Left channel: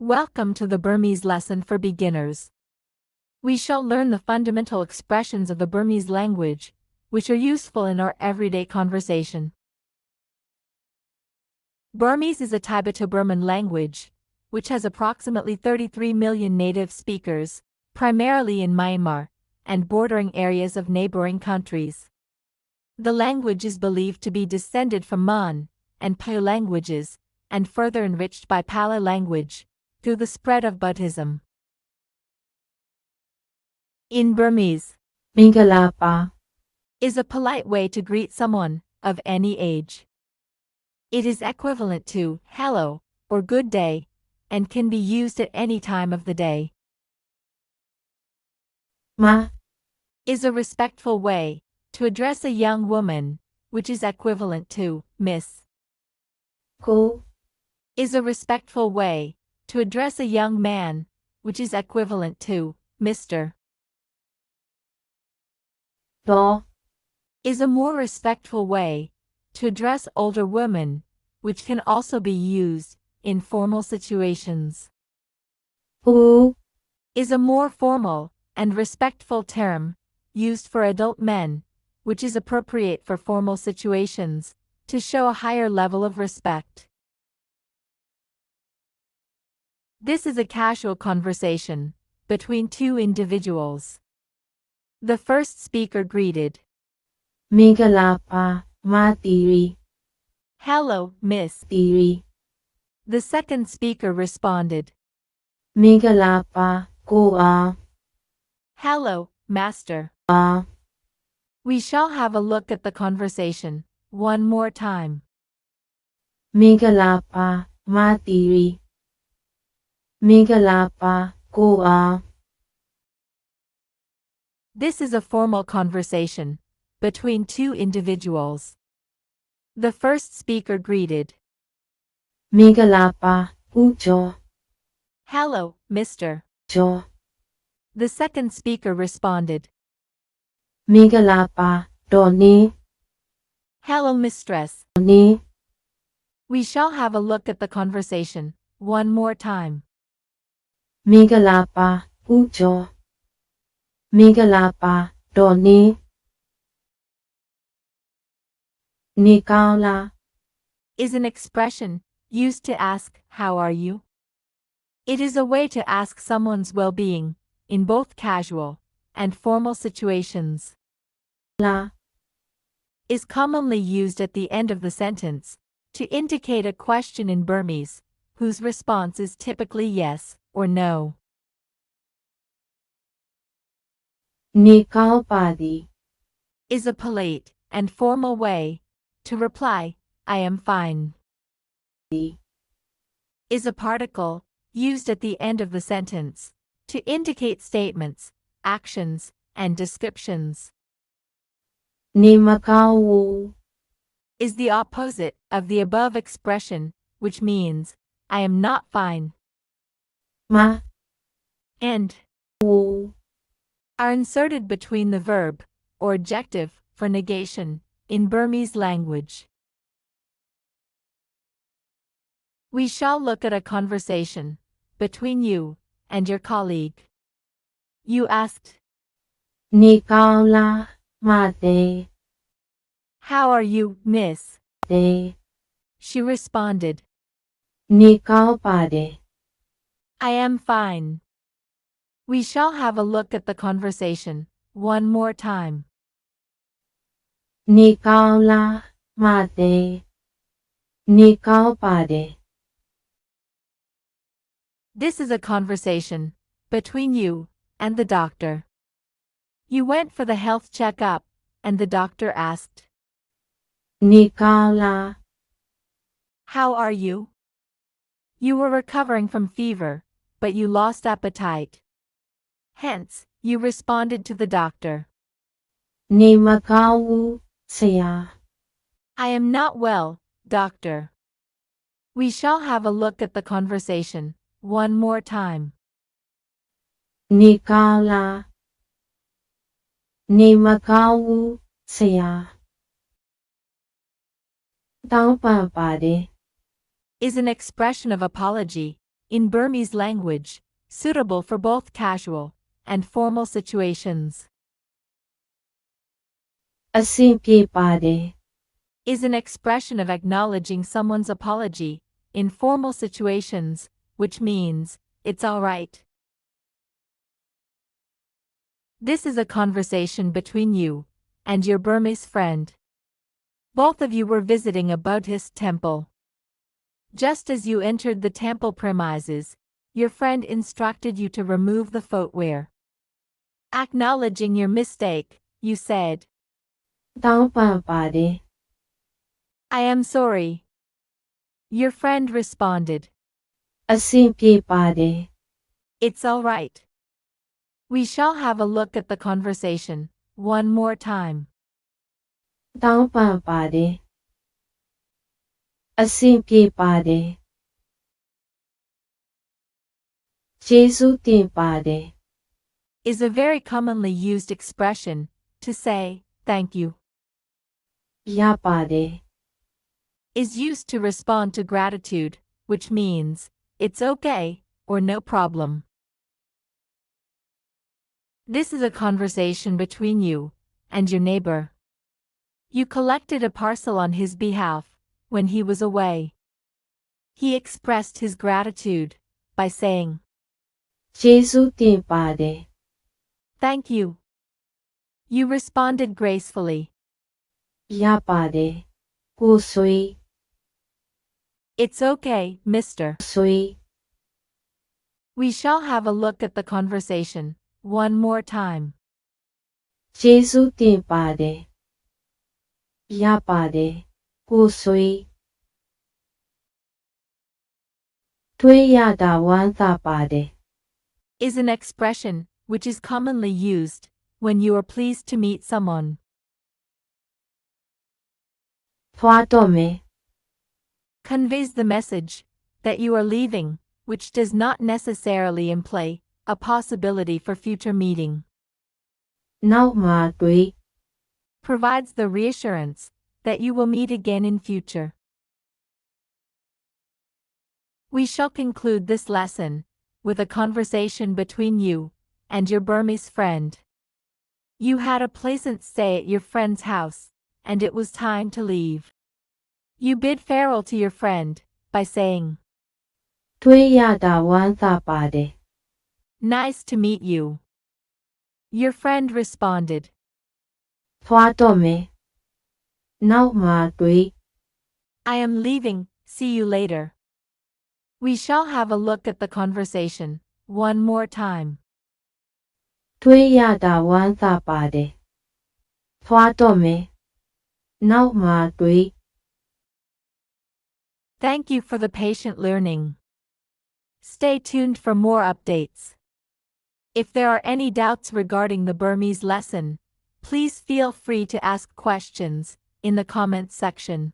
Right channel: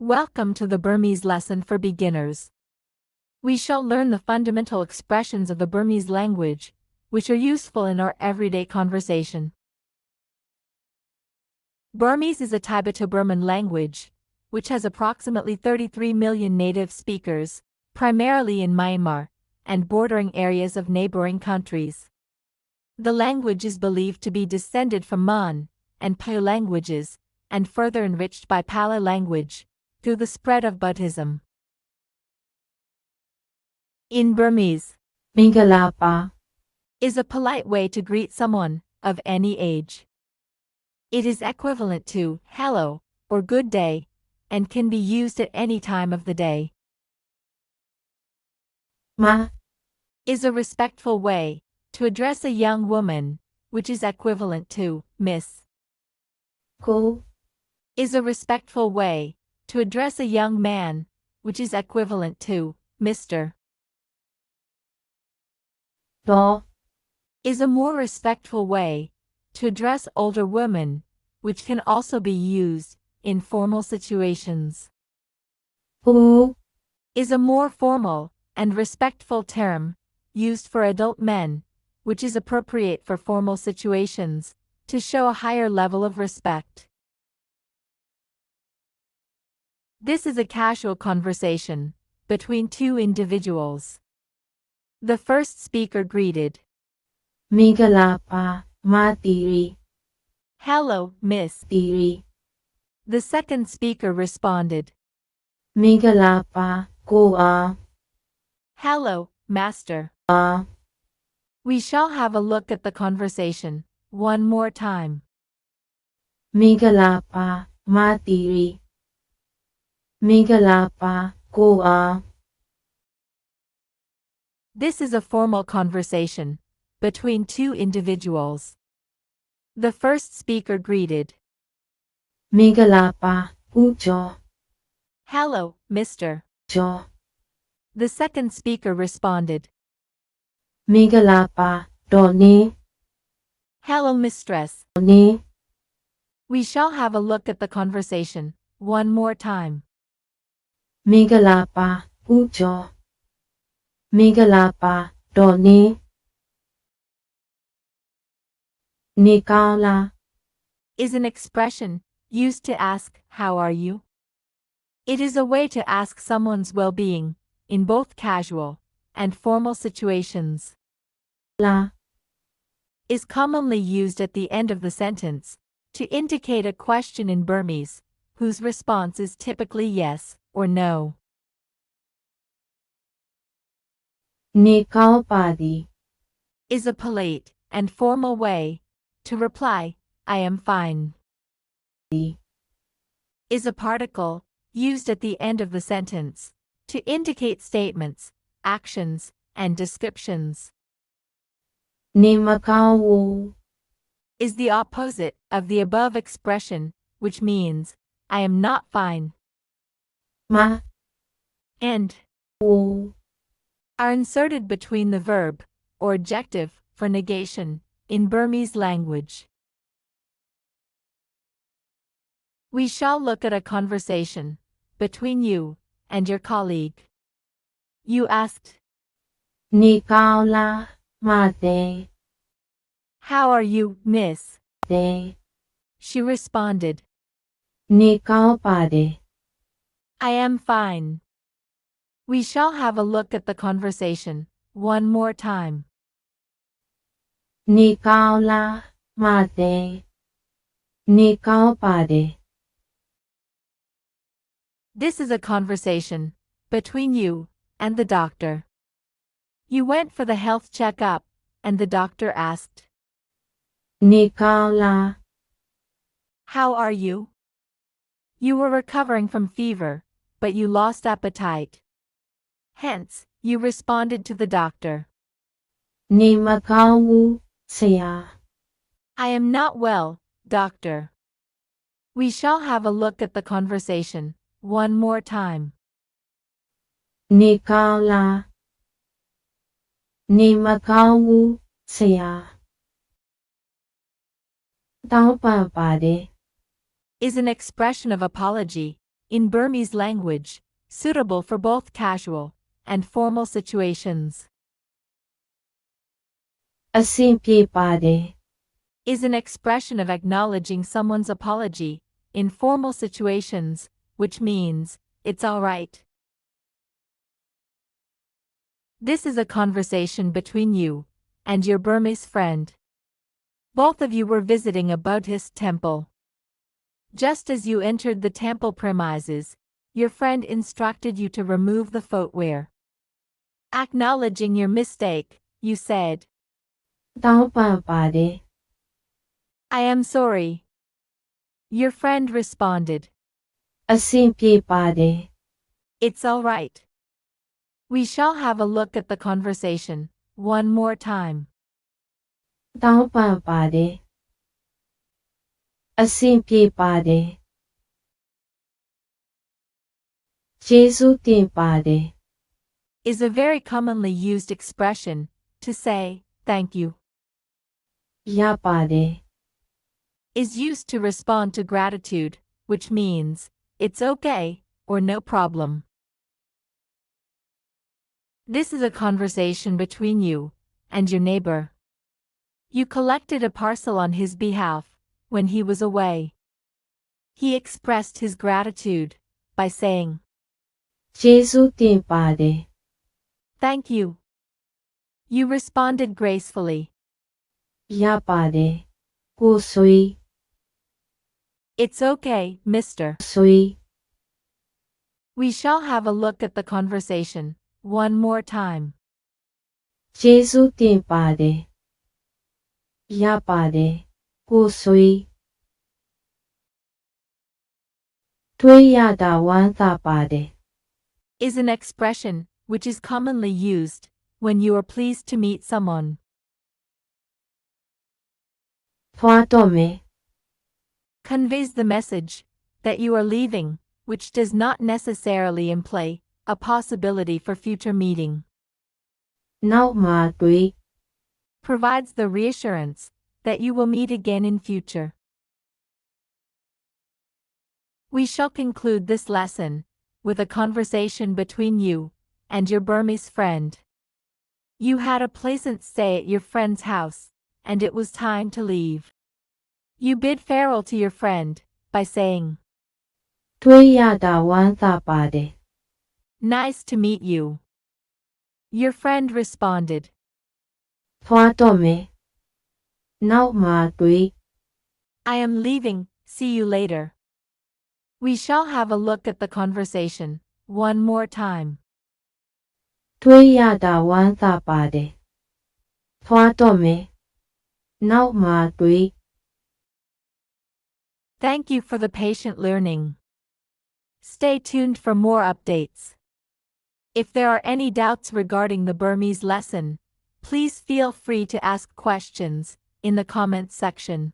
Welcome to the Burmese lesson for beginners. We shall learn the fundamental expressions of the Burmese language, which are useful in our everyday conversation. Burmese is a Tibeto-Burman language, which has approximately 33 million native speakers, primarily in Myanmar, and bordering areas of neighboring countries. The language is believed to be descended from Mon and Pao languages, and further enriched by Pala language, through the spread of Buddhism. In Burmese, Mingalapa is a polite way to greet someone of any age. It is equivalent to hello or good day, and can be used at any time of the day. Ma Is a respectful way to address a young woman, which is equivalent to Miss. Ko Is a respectful way to address a young man, which is equivalent to Mr. Do Is a more respectful way to address older women, which can also be used in formal situations. Hu Is a more formal and respectful term used for adult men, which is appropriate for formal situations to show a higher level of respect. This is a casual conversation between two individuals. The first speaker greeted, Mingalapa Ma Tiri "Hello, Miss." Tiri The second speaker responded, Mingalapa Ko "Hello, Master." We shall have a look at the conversation one more time. Mingalapa Ma Tiri Mingalapa Ko This is a formal conversation between two individuals. The first speaker greeted, Mingalapa Ujo "Hello, Mr." Jo The second speaker responded, Mingalapa Doni "Hello, Mistress." Ni We shall have a look at the conversation one more time. Mingalapa Ujo Mingalapa Doni Nikala Is an expression used to ask, "How are you?" It is a way to ask someone's well-being in both casual and formal situations. La Is commonly used at the end of the sentence to indicate a question in Burmese, whose response is typically yes or no. Nikalpadi Is a polite and formal way to reply, "I am fine." Is a particle used at the end of the sentence to indicate statements, actions, and descriptions. Nimakawu Is the opposite of the above expression, which means, "I am not fine," Ma and Wu are inserted between the verb or adjective for negation in Burmese language. We shall look at a conversation between you and your colleague. You asked, Nikala Mate "How are you, Miss?" De She responded, Nikalpade "I am fine." We shall have a look at the conversation one more time. Nikala Mate Nikalpade This is a conversation between you and the doctor. You went for the health checkup, and the doctor asked, Nikala "How are you?" You were recovering from fever, but you lost appetite. Hence, you responded to the doctor, Nimakawu Saya "I am not well, doctor." We shall have a look at the conversation one more time. Nikala Nimakawu Saya Taupapade Is an expression of apology in Burmese language, suitable for both casual and formal situations. အဆင်ပြေပါတယ် Is an expression of acknowledging someone's apology in formal situations, which means, it's alright. This is a conversation between you and your Burmese friend. Both of you were visiting a Buddhist temple. Just as you entered the temple premises, your friend instructed you to remove the footwear. Acknowledging your mistake, you said, တောင်းပန်ပါတယ် I am sorry. Your friend responded, အဆင်ပြေပါတယ် It's alright. We shall have a look at the conversation one more time. တောင်းပန်ပါတယ်အဆင်ပြေပါတယ်ကျေးဇူးတင်ပါတယ် Is a very commonly used expression to say, thank you. ရပါတယ် Is used to respond to gratitude, which means, it's okay, or no problem. This is a conversation between you and your neighbor. You collected a parcel on his behalf when he was away. He expressed his gratitude by saying, ကျေးဇူးတင်ပါတယ် Thank you. You responded gracefully. ရပါတယ်ကိုဆွေ It's okay, mister. ဆွေ We shall have a look at the conversation one more time. ကျေးဇူးတင်ပါတယ်ရပါတယ်ကိုဆွေတွေ့ရတာဝမ်းသာပါတယ် Is an expression which is commonly used when you are pleased to meet someone. သွားတော့မယ် Conveys the message that you are leaving, which does not necessarily imply a possibility for future meeting. နောက်မှတွေ့ Provides the reassurance that you will meet again in future. We shall conclude this lesson with a conversation between you and your Burmese friend. You had a pleasant stay at your friend's house, and it was time to leave. You bid farewell to your friend by saying, တွေ့ရတာဝမ်းသာပါတယ် Nice to meet you. Your friend responded, သွားတော့မယ်နောက်မှတွေ့ I am leaving, see you later. We shall have a look at the conversation one more time. တွေ့ရတာဝမ်းသာပါတယ်သွားတော့မယ်နောက်မှတွေ့ Thank you for the patient learning. Stay tuned for more updates. If there are any doubts regarding the Burmese lesson, please feel free to ask questions in the comments section.